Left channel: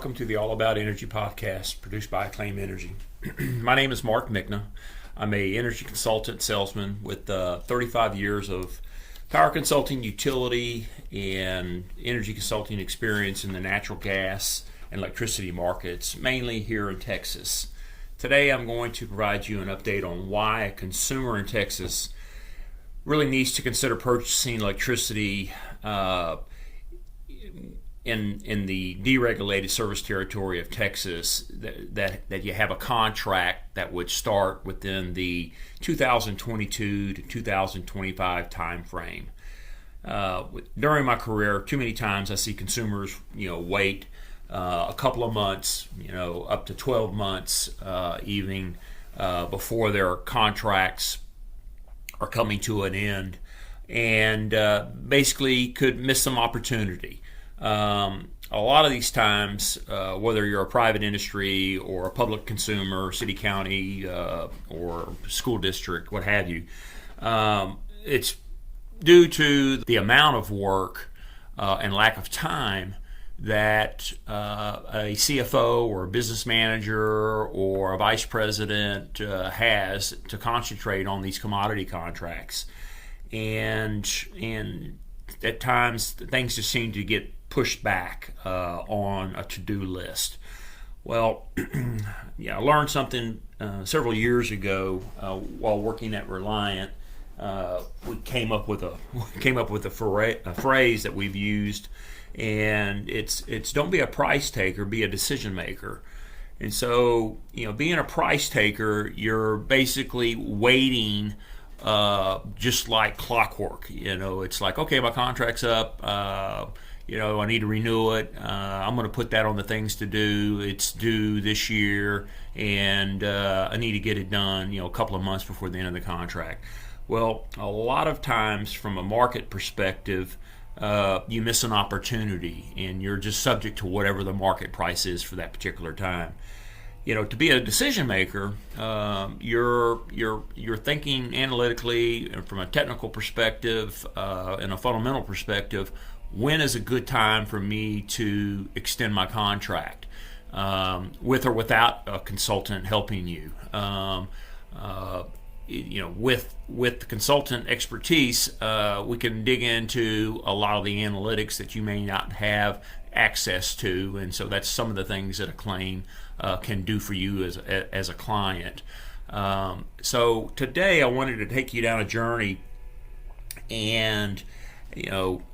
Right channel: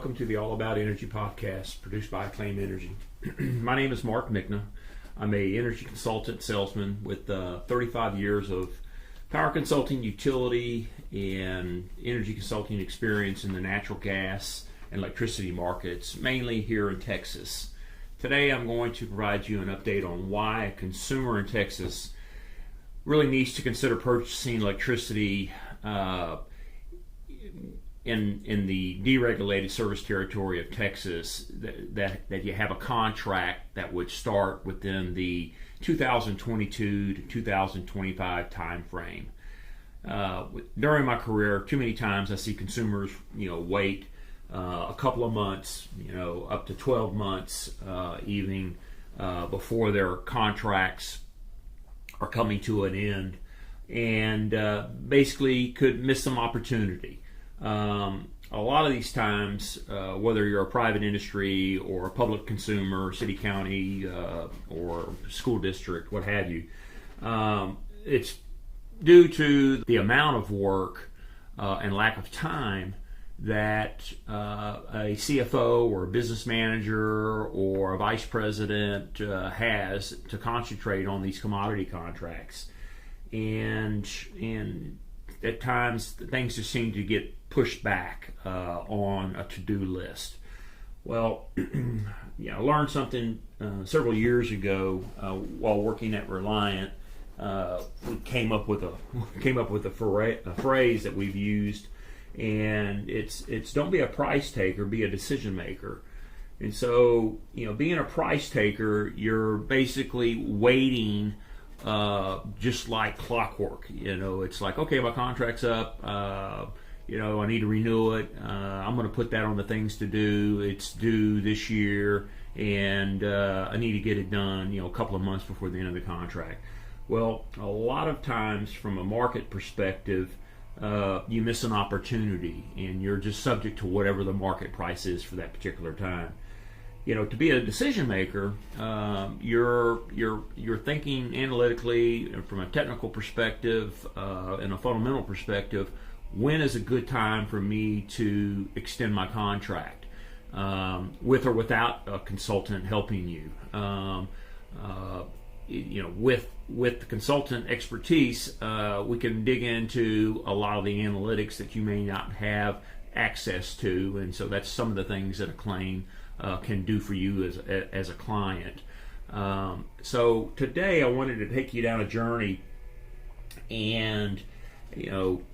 welcome to the All About Energy podcast produced by Acclaim Energy. My name is Mark Michna. I'm a energy consultant salesman with 35 years of power consulting, utility, and energy consulting experience in the natural gas and electricity markets, mainly here in Texas. Today I'm going to provide you an update on why a consumer in Texas really needs to consider purchasing electricity in the deregulated service territory of Texas, that you have a contract that would start within the 2022 to 2025 time frame. During my career, too many times I see consumers, wait a couple of months, up to 12 months, even before their contracts are coming to an end, and basically could miss some opportunity. A lot of these times, whether you're a private industry or a public consumer, city, county, or school district, what have you, it's due to the amount of work and lack of time that a CFO or a business manager or a vice president has to concentrate on these commodity contracts. And at times things just seem to get pushed back on a to-do list. Well, I learned something several years ago while working at Reliant. We came up with a phrase that we've used, and it's don't be a price taker, be a decision maker. And so, being a price taker, you're basically waiting just like clockwork. It's like, okay, my contract's up, I need to renew it, I'm going to put that on the things to do, it's due this year, and I need to get it done, a couple of months before the end of the contract. Well, a lot of times from a market perspective, you miss an opportunity, and you're just subject to whatever the market price is for that particular time. To be a decision maker, you're thinking analytically from a technical perspective and a fundamental perspective. When is a good time for me to extend my contract, with or without a consultant helping you? With the consultant expertise, we can dig into a lot of the analytics that you may not have access to, and so that's some of the things that Acclaim can do for you as a client. So today I wanted to take you down a journey, and you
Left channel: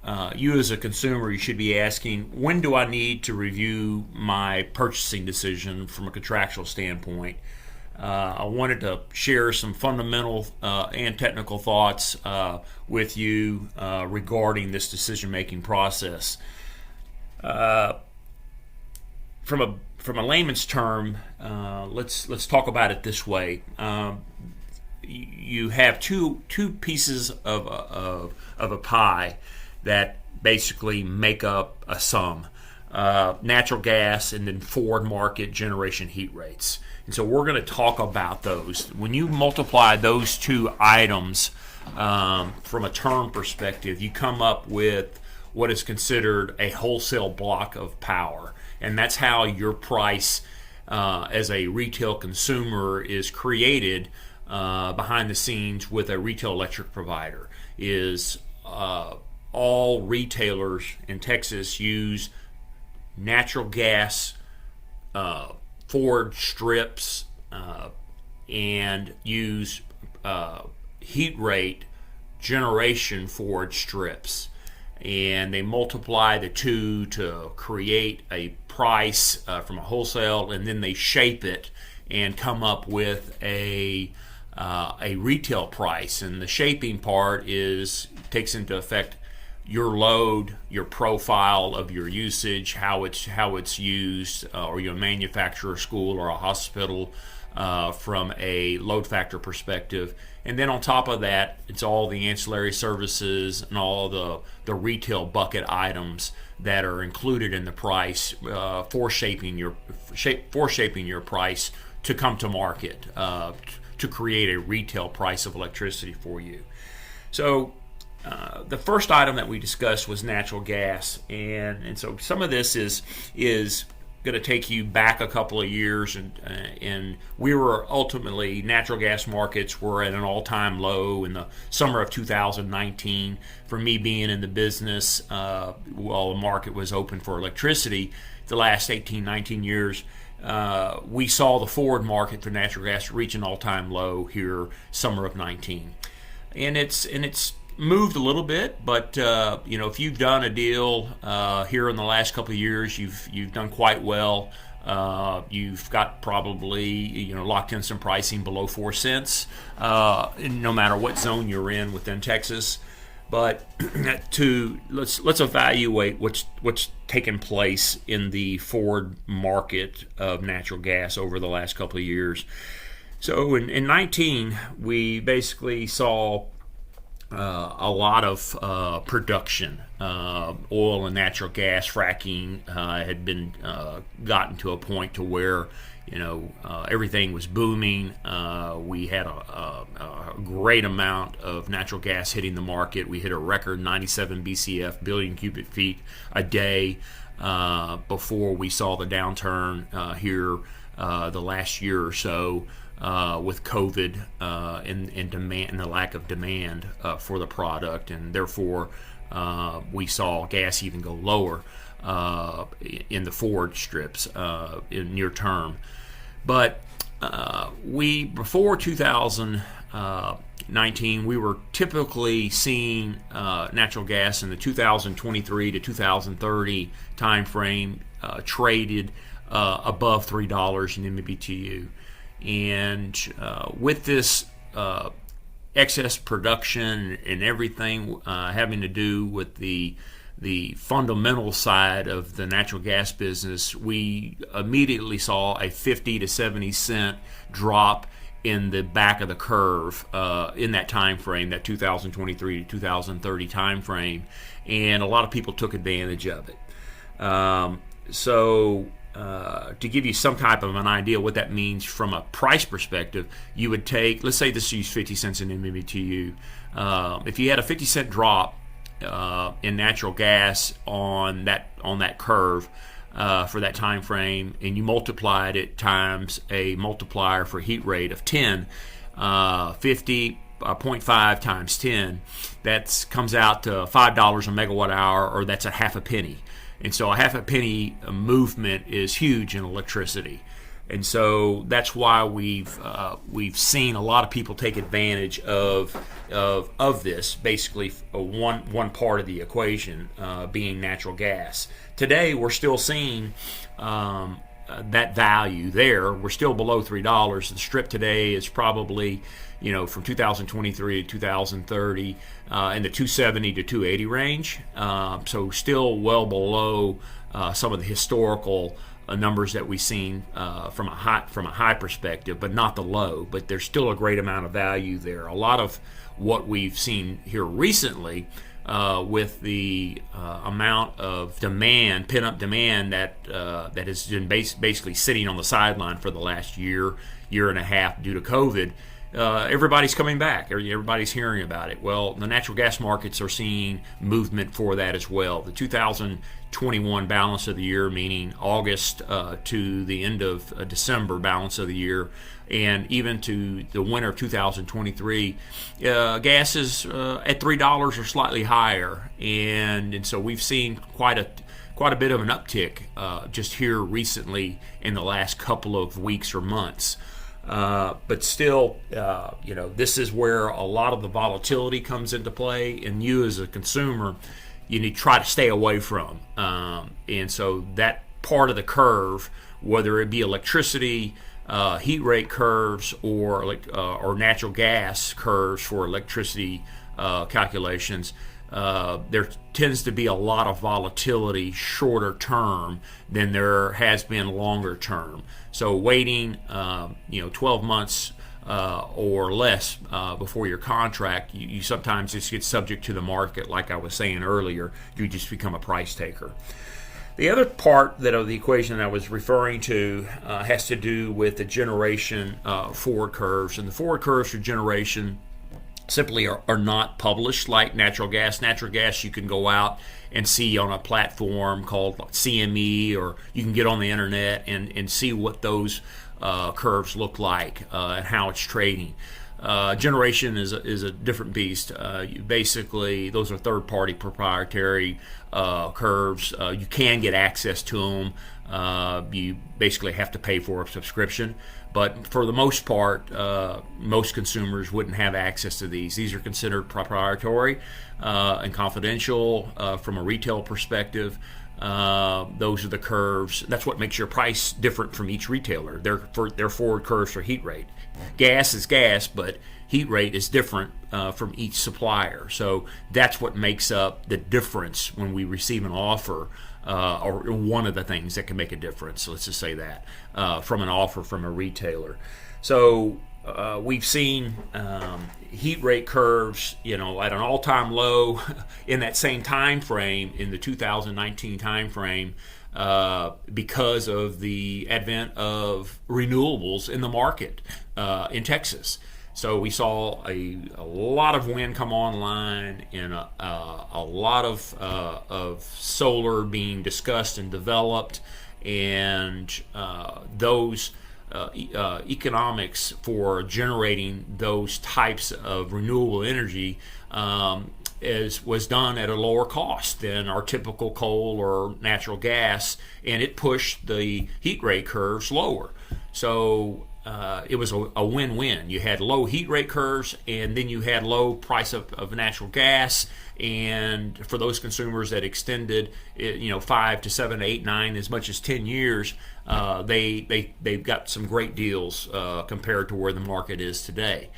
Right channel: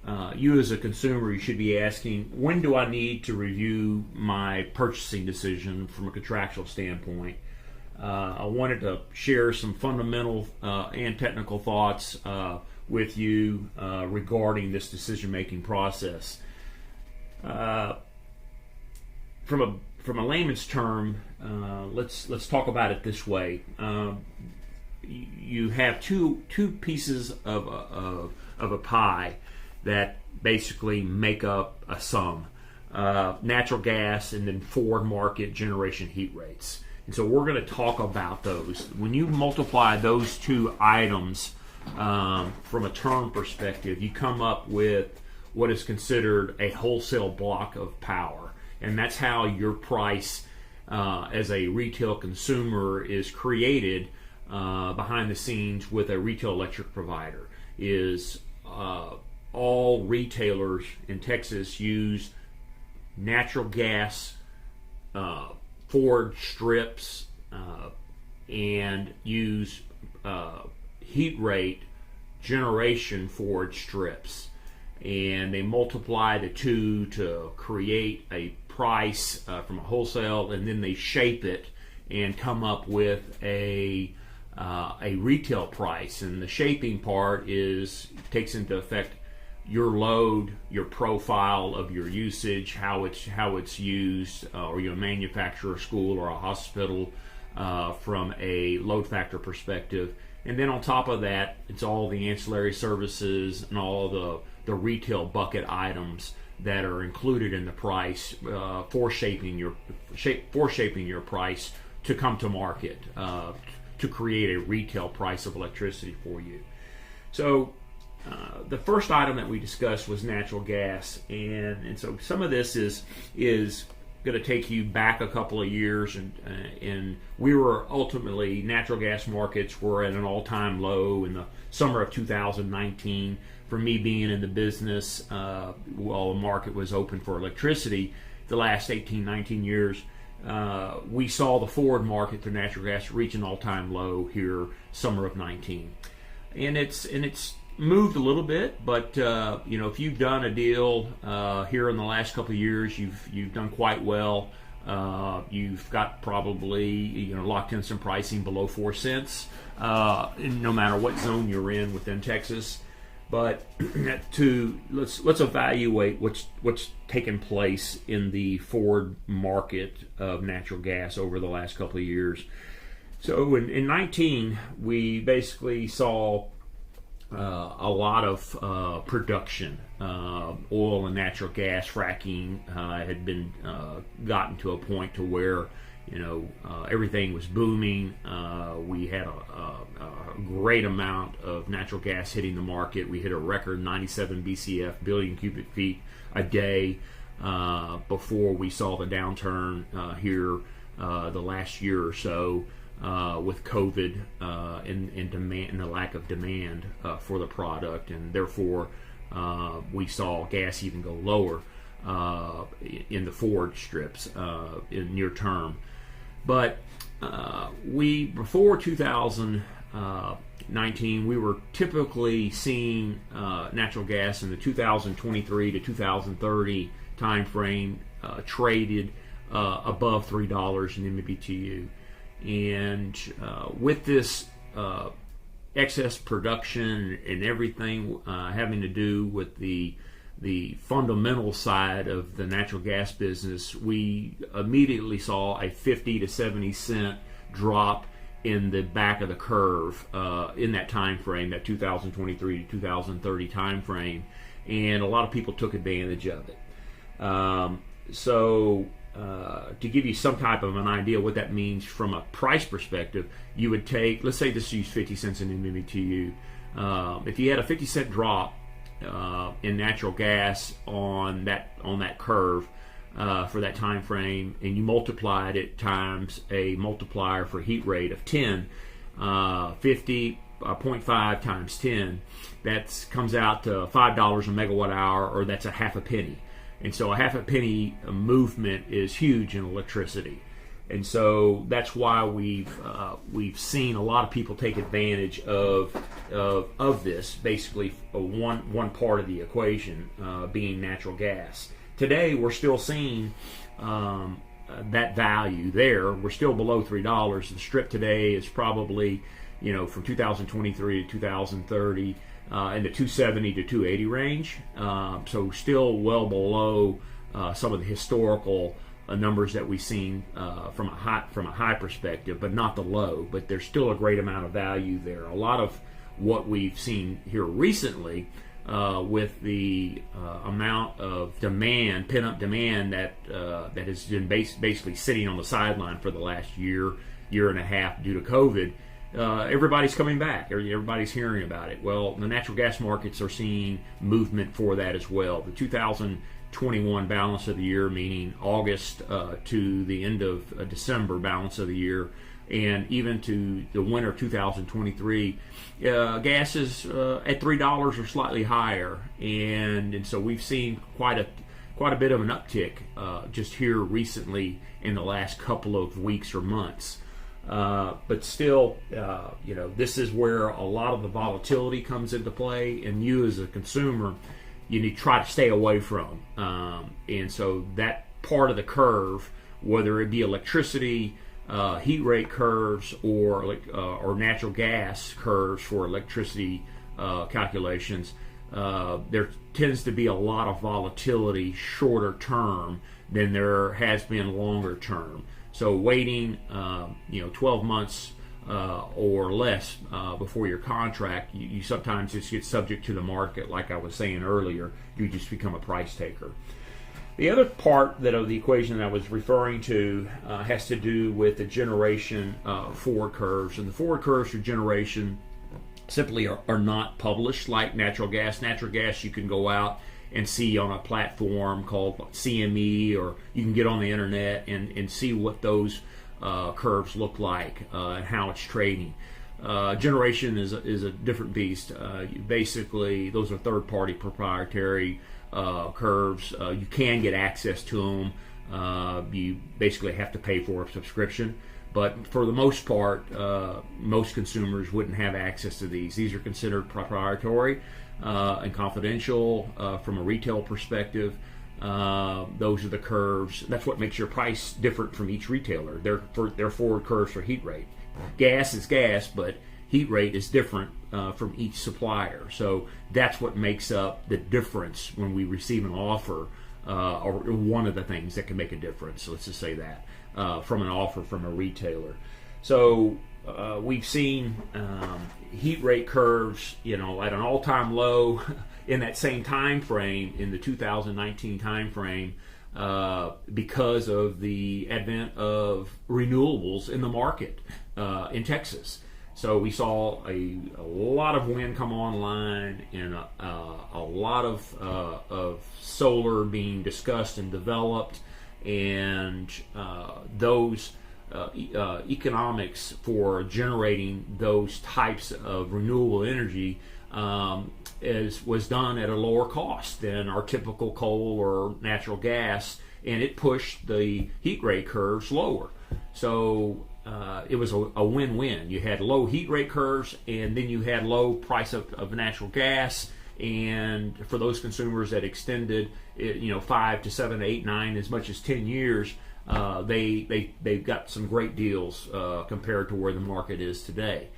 as a consumer, you should be asking, when do I need to review my purchasing decision from a contractual standpoint? I wanted to share some fundamental and technical thoughts with you regarding this decision-making process. From a layman's term, let's talk about it this way. You have two pieces of a pie that basically make up a sum: natural gas and then forward market generation heat rates. And so we're going to talk about those. When you multiply those two items from a term perspective, you come up with what is considered a wholesale block of power. And that's how your price as a retail consumer is created behind the scenes with a retail electric provider. Is all retailers in Texas use natural gas forward strips and use heat rate generation forward strips, and they multiply the two to create a price from a wholesale, and then they shape it and come up with a retail price. And the shaping part takes into effect your load, your profile of your usage, how it's used, or your manufacturer, school, or a hospital from a load factor perspective. And then on top of that, it's all the ancillary services and all the retail bucket items that are included in the price for shaping your price to come to market to create a retail price of electricity for you. So the first item that we discussed was natural gas, and so some of this is to take you back a couple of years, and we were ultimately, natural gas markets were at an all-time low in the summer of 2019. For me being in the business, while the market was open for electricity, the last 18, 19 years, we saw the forward market for natural gas reach an all-time low here summer of 19, and it's moved a little bit, but if you've done a deal here in the last couple of years, you've done quite well. You've got probably locked in some pricing below 4 cents, no matter what zone you're in within Texas. But let's evaluate what's taken place in the forward market of natural gas over the last couple of years. So in 19, we basically saw a lot of production. Oil and natural gas fracking had been gotten to a point to where everything was booming. We had a great amount of natural gas hitting the market. We hit a record 97 BCF, billion cubic feet a day, before we saw the downturn here the last year or so, with COVID and demand, and the lack of demand for the product, and therefore we saw gas even go lower in the forward strips in near term. But before 2019, we were typically seeing natural gas in the 2023 to 2030 time frame traded above $3 in MMBTU. And with this excess production and everything having to do with the fundamental side of the natural gas business, we immediately saw a 50 to 70 cent drop in the back of the curve in that time frame, that 2023 to 2030 time frame, and a lot of people took advantage of it. To give you some type of an idea what that means from a price perspective, you would take, let's say this is 50 cents in MMBTU. If you had a 50 cent drop in natural gas on that curve for that time frame, and you multiplied it times a multiplier for heat rate of 10, 50.5 times 10, that comes out to $5 a megawatt hour, or that's a half a penny. And so a half a penny movement is huge in electricity. And so that's why we've seen a lot of people take advantage of this. Basically, one part of the equation being natural gas. Today, we're still seeing that value there. We're still below $3. The strip today is probably, from 2023 to 2030 in the 270 to 280 range. So still well below some of the historical numbers that we've seen from a high perspective, but not the low. But there's still a great amount of value there. A lot of what we've seen here recently with the amount of demand, pent-up demand that has been basically sitting on the sideline for the last year and a half due to COVID. Everybody's coming back. Everybody's hearing about it. Well, the natural gas markets are seeing movement for that as well. The 2021 balance of the year, meaning August to the end of December balance of the year, and even to the winter of 2023, gas is at $3 or slightly higher, and so we've seen quite a bit of an uptick just here recently in the last couple of weeks or months. But still, this is where a lot of the volatility comes into play, and you as a consumer, you need to try to stay away from. And so that part of the curve, whether it be electricity, heat rate curves, or natural gas curves for electricity calculations, there tends to be a lot of volatility shorter term than there has been longer term. So waiting, 12 months or less before your contract, you sometimes just get subject to the market. Like I was saying earlier, you just become a price taker. The other part of the equation that I was referring to has to do with the generation forward curves. And the forward curves for generation simply are not published like natural gas. Natural gas you can go out and see on a platform called CME, or you can get on the internet and see what those curves look like and how it's trading. Generation is a different beast. Basically, those are third-party proprietary curves. You can get access to them. You basically have to pay for a subscription. But for the most part, most consumers wouldn't have access to these. These are considered proprietary and confidential from a retail perspective. Those are the curves. That's what makes your price different from each retailer. They're forward curves for heat rate. Gas is gas, but heat rate is different from each supplier. So that's what makes up the difference when we receive an offer, or one of the things that can make a difference. Let's just say that from an offer from a retailer. So we've seen heat rate curves, at an all-time low in that same time frame, in the 2019 time frame, because of the advent of renewables in the market in Texas. So we saw a lot of wind come online, and a lot of solar being discussed and developed, and those economics for generating those types of renewable energy was done at a lower cost than our typical coal or natural gas, and it pushed the heat rate curves lower. So it was a win-win. You had low heat rate curves, and then you had low price of natural gas. And for those consumers that extended, 5 to 7 to 8, 9, as much as 10 years, they've got some great deals compared to where the market is today.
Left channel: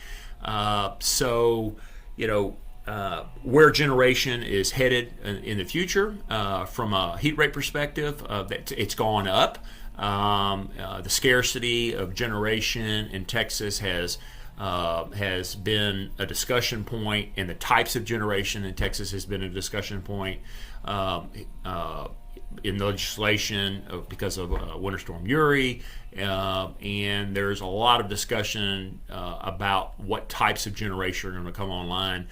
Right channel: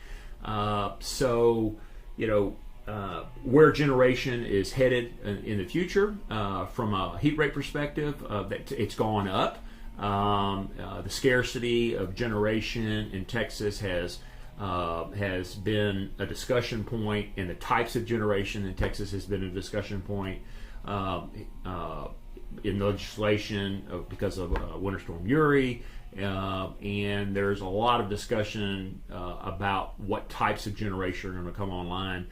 Where generation is headed in the future, from a heat rate perspective, it's gone up. The scarcity of generation in Texas has been a discussion point, and the types of generation in Texas has been a discussion point in legislation because of Winter Storm Uri, and there's a lot of discussion about what types of generation are going to come online.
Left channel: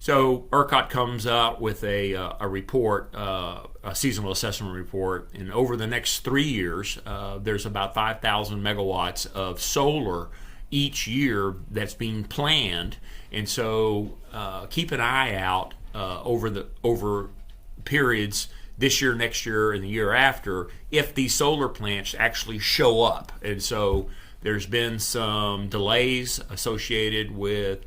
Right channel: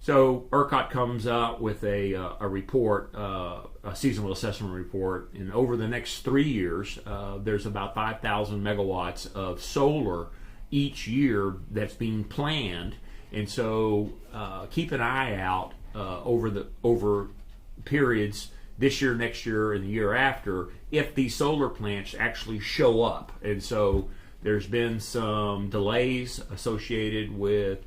So ERCOT comes out with a report, a seasonal assessment report, and over the next 3 years, there's about 5,000 megawatts of solar each year that's being planned. And so keep an eye out over periods this year, next year, and the year after, if these solar plants actually show up. And so there's been some delays associated with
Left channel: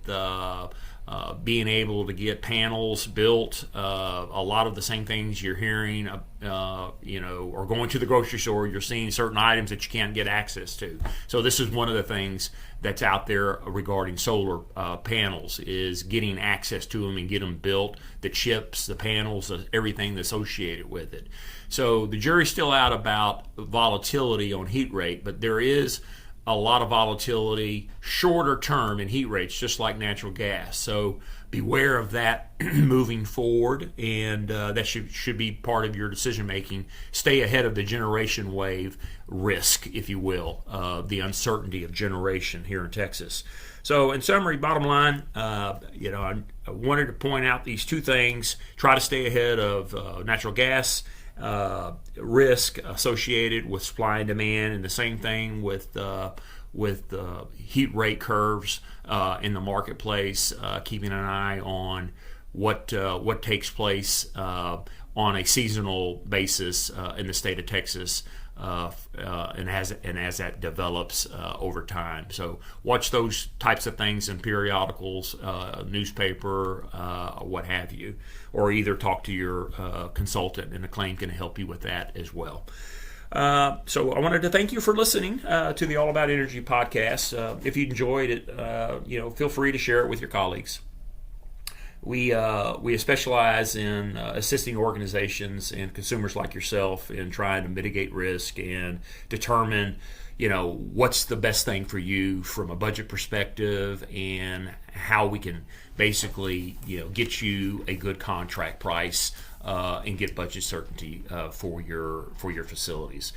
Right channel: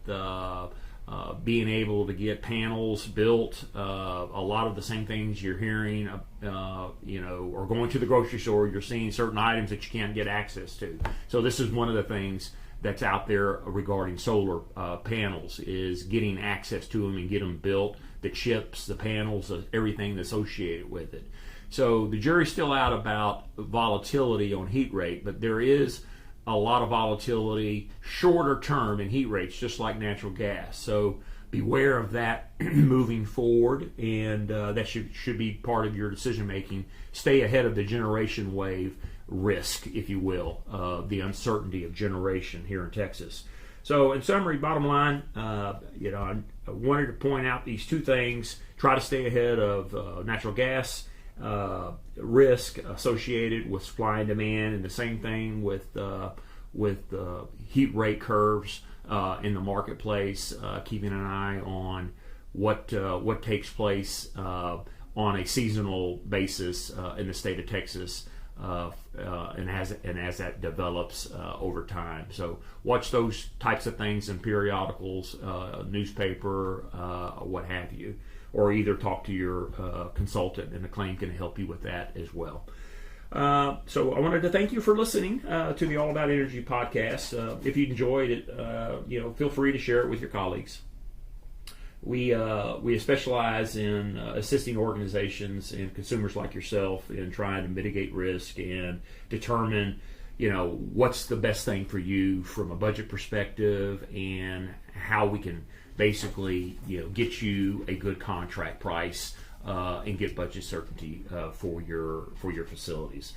being able to get panels built. A lot of the same things you're hearing, or going to the grocery store, you're seeing certain items that you can't get access to. So this is one of the things that's out there regarding solar panels, is getting access to them and get them built, the chips, the panels, everything associated with it. So the jury's still out about volatility on heat rate, but there is a lot of volatility shorter term in heat rates, just like natural gas. So beware of that moving forward, and that should be part of your decision making. Stay ahead of the generation wave risk, if you will, the uncertainty of generation here in Texas. So in summary, bottom line, I wanted to point out these two things. Try to stay ahead of natural gas risk associated with supply and demand, and the same thing with heat rate curves in the marketplace, keeping an eye on what takes place on a seasonal basis in the state of Texas, and as that develops over time. So watch those types of things in periodicals, newspaper, what have you, or either talk to your consultant, and Acclaim can help you with that as well. So I wanted to thank you for listening to the All About Energy podcast. If you enjoyed it, feel free to share it with your colleagues. We specialize in assisting organizations and consumers like yourself in trying to mitigate risk and determine, what's the best thing for you from a budget perspective, and how we can basically, get you a good contract price and get budget certainty for your facilities.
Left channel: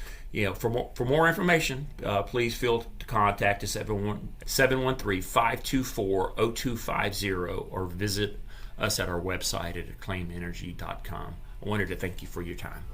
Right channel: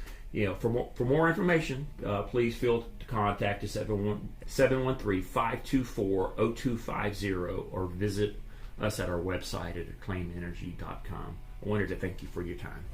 For more information, please feel to contact us at 713-524-0250 or visit us at our website at acclaimenergy.com. I wanted to thank you for your time.